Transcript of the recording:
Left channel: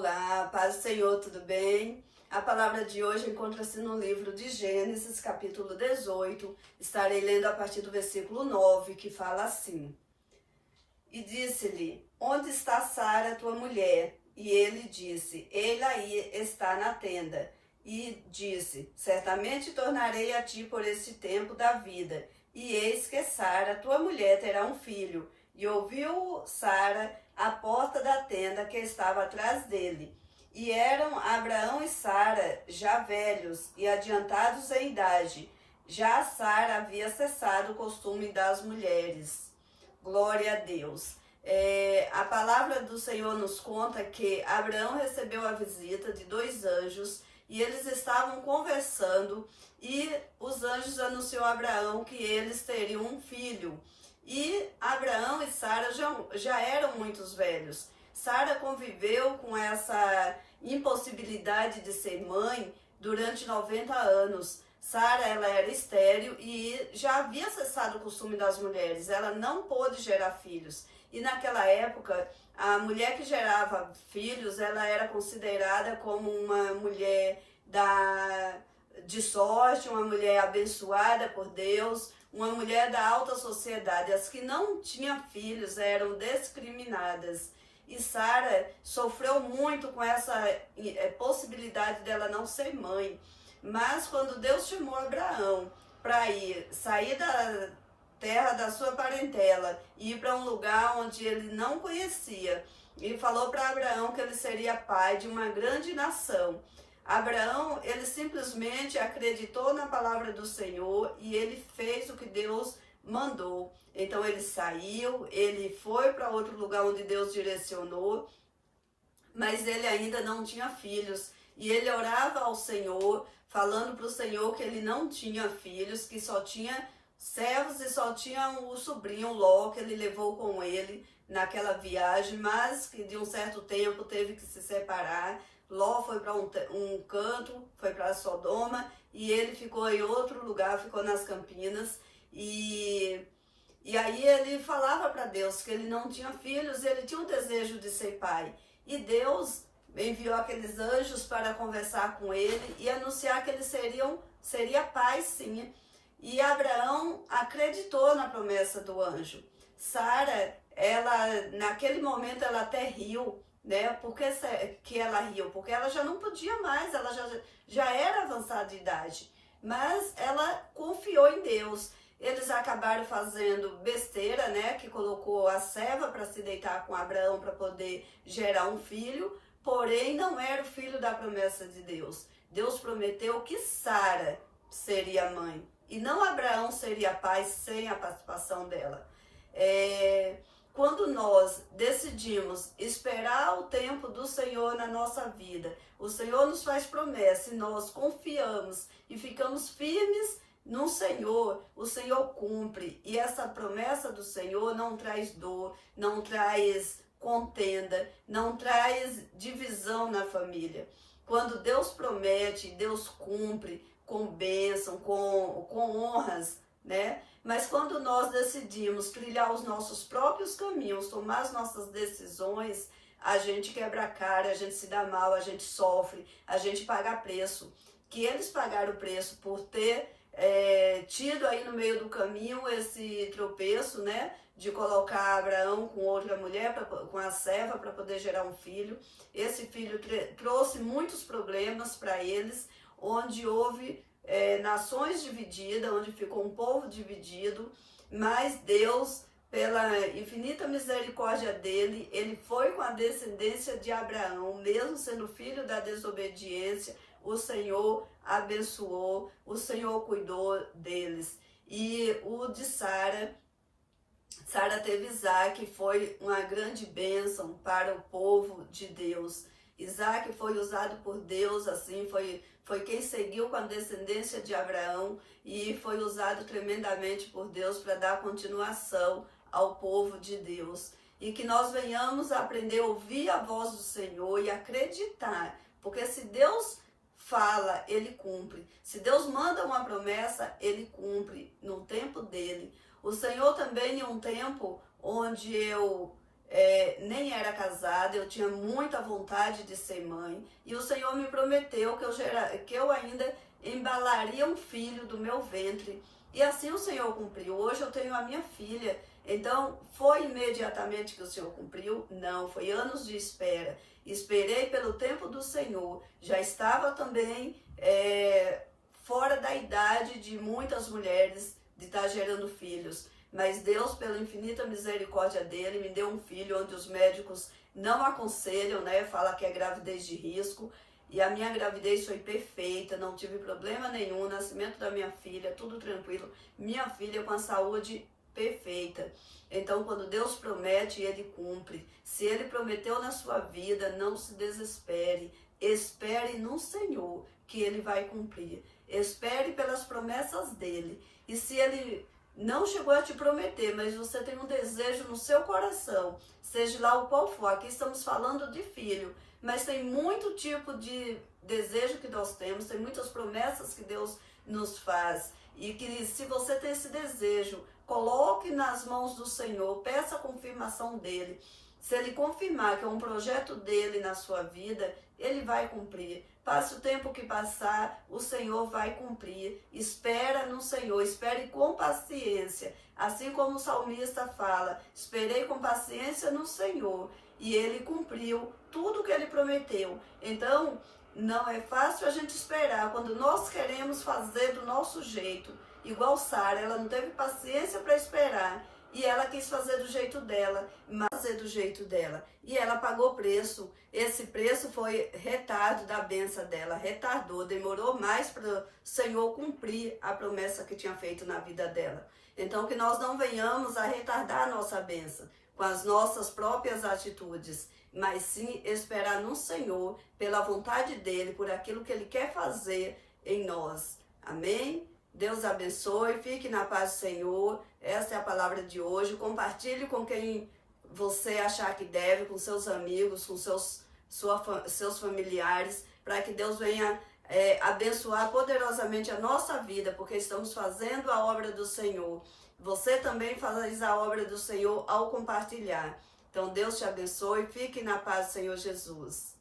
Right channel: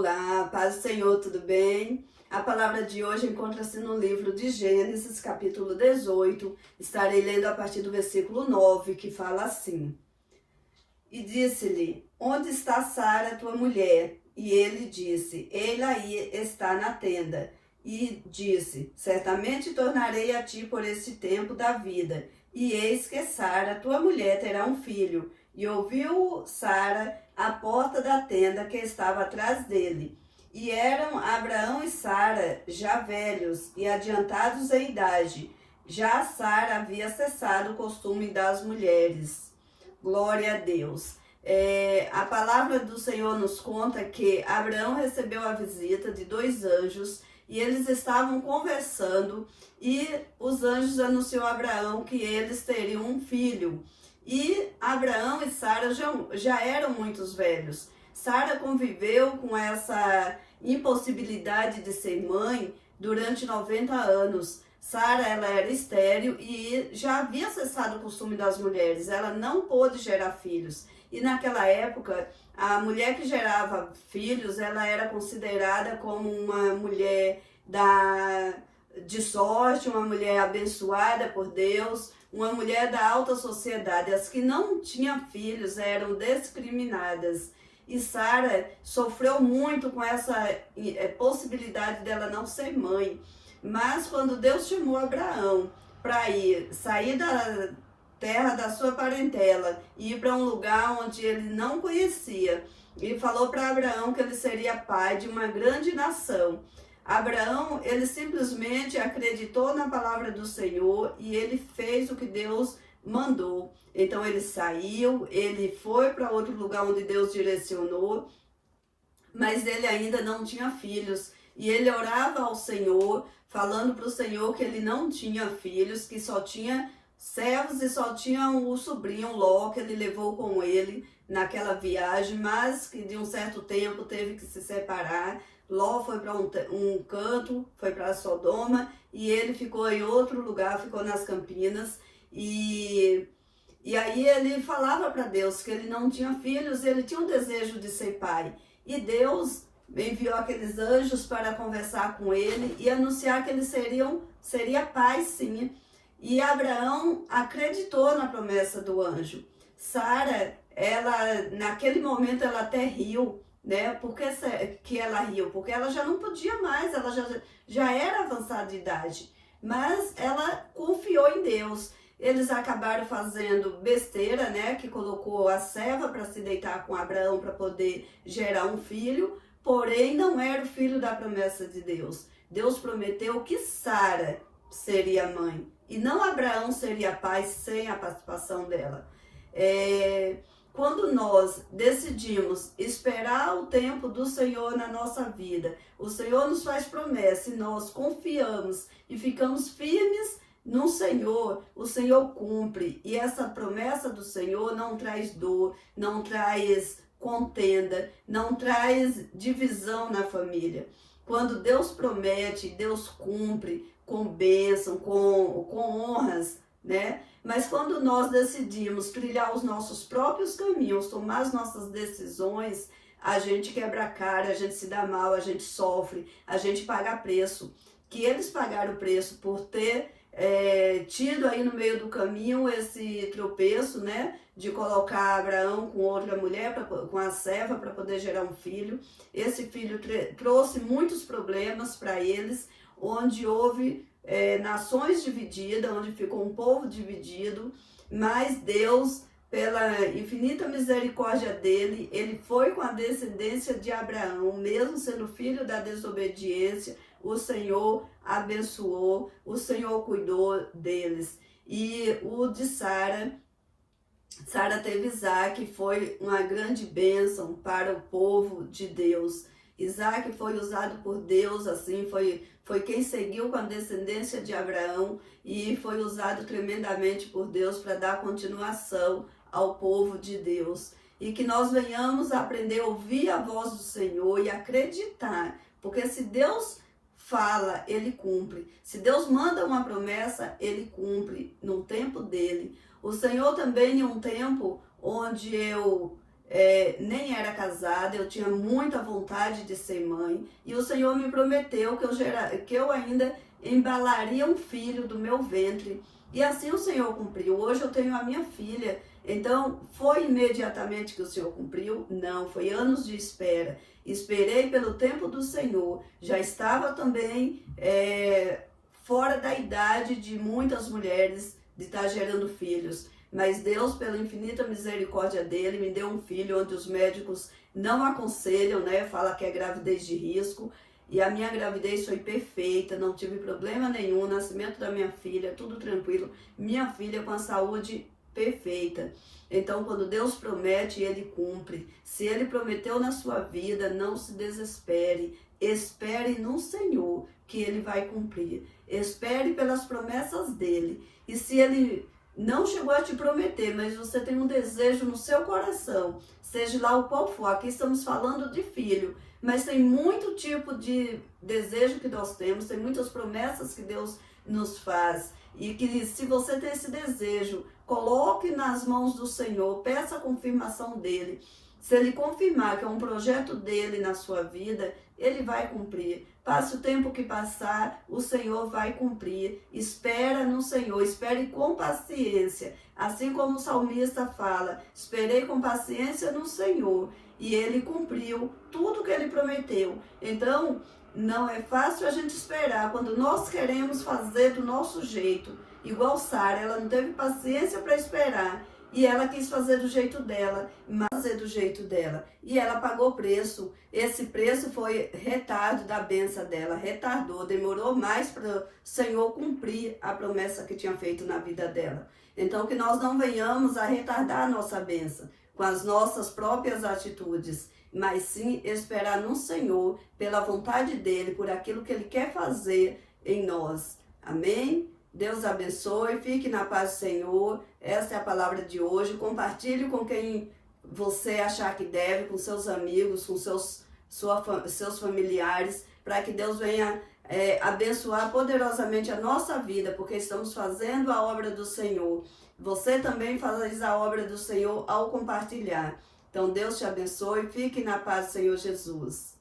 Olá, paz do Senhor, tudo bem? A palavra de hoje encontra-se no livro de Gênesis, capítulo 18. Estarei lendo a partir do versículo 9, que fala assim: E disse-lhe, onde está Sara, tua mulher? E ele disse, ela aí está na tenda. E disse, certamente tornarei a ti por este tempo da vida. E eis que Sara, tua mulher, terá um filho. E ouviu Sara à porta da tenda que estava atrás dele. E eram Abraão e Sara já velhos e adiantados em idade. Já Sara havia cessado o costume das mulheres. Glória a Deus. A palavra do Senhor nos conta que Abraão recebeu a visita de dois anjos e eles estavam conversando e os anjos anunciou a Abraão que eles teriam um filho. E Abraão e Sara já eram muito velhos. Sara conviveu com essa impossibilidade de ser mãe durante 90 anos. Sara, ela era estéril e já havia cessado o costume das mulheres. Ela não pôde gerar filhos. E naquela época, a mulher que gerava filhos, ela era considerada como uma mulher de sorte, uma mulher abençoada por Deus, uma mulher da alta sociedade. As que não tinham filhos eram discriminadas. E Sara sofreu muito com essa possibilidade dela não ser mãe. Mas quando Deus chamou Abraão para sair da terra da sua parentela e ir para um lugar onde ele não conhecia, e falou para Abraão que ele seria pai de uma grande nação. Abraão, ele simplesmente acreditou na palavra do Senhor e ele fez o que Deus mandou. Então ele saiu, ele foi para outro lugar onde Deus direcionou, mas ele ainda não tinha filhos. E ele orava ao Senhor, falando para o Senhor que ele não tinha filhos, que só tinha servos e só tinha o sobrinho Ló, que ele levou com ele naquela viagem, mas que de um certo tempo teve que se separar. Ló foi para um canto, foi para Sodoma, e ele ficou em outro lugar, ficou nas Campinas. E aí ele falava para Deus que ele não tinha filhos, ele tinha um desejo de ser pai. E Deus enviou aqueles anjos para conversar com ele e anunciar que ele seria pai, sim. E Abraão acreditou na promessa do anjo. Sara, naquele momento, ela até riu, né? Por que ela riu? Porque ela já não podia mais, ela já era avançada de idade. Mas ela confiou em Deus. Eles acabaram fazendo besteira, né? Que colocou a serva para se deitar com Abraão para poder gerar um filho. Porém, não era o filho da promessa de Deus. Deus prometeu que Sara seria mãe. E não Abraão seria pai sem a participação dela. Quando nós decidimos esperar o tempo do Senhor na nossa vida, o Senhor nos faz promessa e nós confiamos e ficamos firmes no Senhor, o Senhor cumpre. E essa promessa do Senhor não traz dor, não traz contenda, não traz divisão na família. Quando Deus promete, Deus cumpre com bênção, com honras, né? Mas quando nós decidimos trilhar os nossos próprios caminhos, tomar as nossas decisões, a gente quebra a cara, a gente se dá mal, a gente sofre, a gente paga preço. Que eles pagaram preço por ter tido aí no meio do caminho esse tropeço, né? De colocar Abraão com outra mulher, com a serva, para poder gerar um filho. Esse filho trouxe muitos problemas para eles, onde houve nações divididas, onde ficou um povo dividido, mas Deus, pela infinita misericórdia dele, ele foi com a descendência de Abraão, mesmo sendo filho da desobediência, o Senhor abençoou, o Senhor cuidou deles. E o de Sara teve Isaac, foi uma grande bênção para o povo de Deus. Isaac foi usado por Deus, assim, foi quem seguiu com a descendência de Abraão e foi usado tremendamente por Deus para dar continuação ao povo de Deus. E que nós venhamos a aprender a ouvir a voz do Senhor e acreditar, porque se Deus fala, ele cumpre. Se Deus manda uma promessa, ele cumpre no tempo dele. O Senhor também, em um tempo onde eu nem era casada, eu tinha muita vontade de ser mãe, e o Senhor me prometeu que eu ainda embalaria um filho do meu ventre, e assim o Senhor cumpriu. Hoje eu tenho a minha filha. Então, foi imediatamente que o Senhor cumpriu? Não, foi anos de espera. Esperei pelo tempo do Senhor. Já estava também fora da idade de muitas mulheres de estar gerando filhos. Mas Deus, pela infinita misericórdia dele, me deu um filho onde os médicos não aconselham, né? Fala que é gravidez de risco. E a minha gravidez foi perfeita, não tive problema nenhum, nascimento da minha filha, tudo tranquilo. Minha filha com a saúde perfeita. Então, quando Deus promete, Ele cumpre. Se Ele prometeu na sua vida, não se desespere. Espere no Senhor, que Ele vai cumprir. Espere pelas promessas dEle. E se Ele não chegou a te prometer, mas você tem um desejo no seu coração, seja lá o qual for, aqui estamos falando de filho, mas tem muito tipo de desejo que nós temos, tem muitas promessas que Deus nos faz. E que se você tem esse desejo, coloque nas mãos do Senhor, peça a confirmação dele. Se ele confirmar que é um projeto dele na sua vida, ele vai cumprir. Passe o tempo que passar, o Senhor vai cumprir. Espera no Senhor, espere com paciência. Assim como o salmista fala, esperei com paciência no Senhor. E ele cumpriu tudo que ele prometeu. Então, não é fácil a gente esperar quando nós queremos fazer do nosso jeito. Igual Sara, ela não teve paciência para esperar. E ela quis fazer do jeito dela, fazer do jeito dela. E ela pagou preço. Esse preço foi retardo da bênção dela. Retardou, demorou mais para o Senhor cumprir a promessa que tinha feito na vida dela. Então, que nós não venhamos a retardar a nossa bênção com as nossas próprias atitudes, mas sim esperar no Senhor, pela vontade dEle, por aquilo que Ele quer fazer em nós. Amém? Deus abençoe, fique na paz do Senhor. Essa é a palavra de hoje. Compartilhe com quem você achar que deve, com seus amigos, com seus familiares, para que Deus venha abençoar poderosamente a nossa vida, porque estamos fazendo a obra do Senhor. Você também faz a obra do Senhor ao compartilhar. Então Deus te abençoe, fique na paz do Senhor Jesus.